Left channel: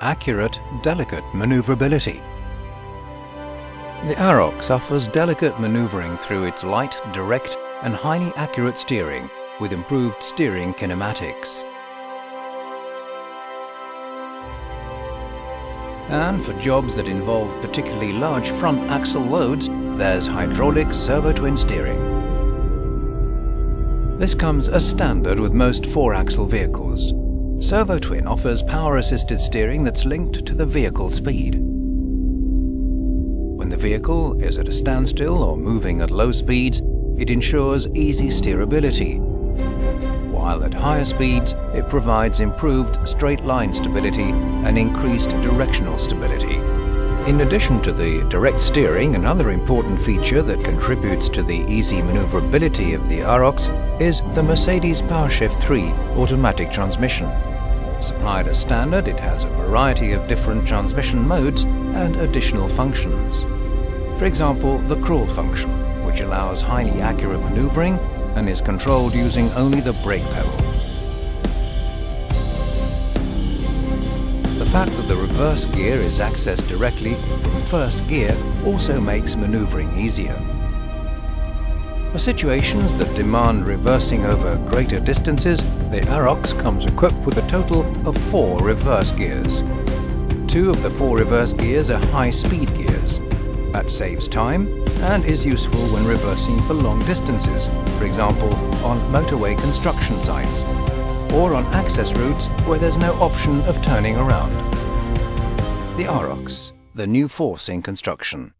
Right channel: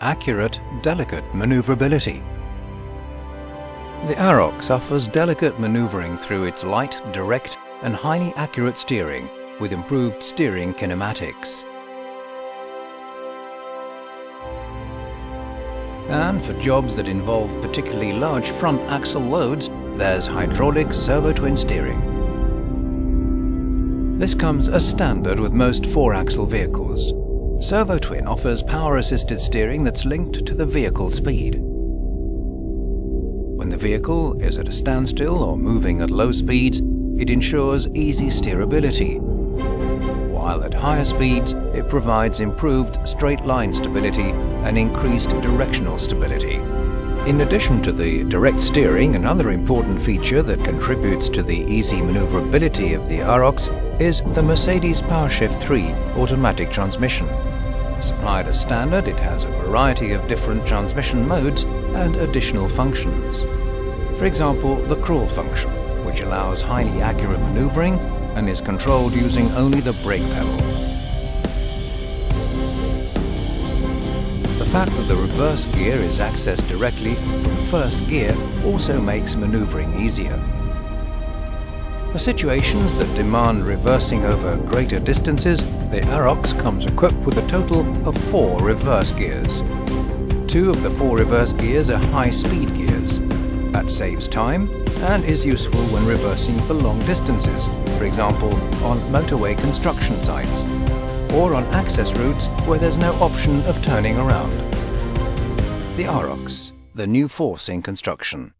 accurate, delicate maneuverability. The Arocs offers delicate maneuvering through its light, direct and highly accurate steering with improved steering kinematics. And for jobs that involve particularly large front axle loads, there's hydraulic servo-twin steering. This comes as standard with most 4-axle vehicles. Servo-twin offers power-assisted steering that's linked to the vehicle speed. When the vehicle is at a standstill or moving at low speeds, it ensures easy steerability, while at higher speeds it provides improved straight-line stability and increased directional stability. In addition to the direct steering, another important feature that contributes to the easy maneuverability of the Arocs is the Mercedes PowerShift 3 automatic transmission. Supplied as standard, it has a variety of different transmission modes and additional functions. For example, the crawl function, which allows highly accurate maneuvering and is controlled using only the brake pedal. The fact that the reverse gear is accessed directly from first gear also makes maneuvering easier. For situations that demand reversing over greater distances, the Arocs comes equipped with a total of 4 reverse gears. 2 of the 4 reverse gears are high-speed gears. That saves time and is useful when reversing for long distances, for example on motorway construction sites, or on access routes where there's no option of turning around. The Arocs, the new force in construction.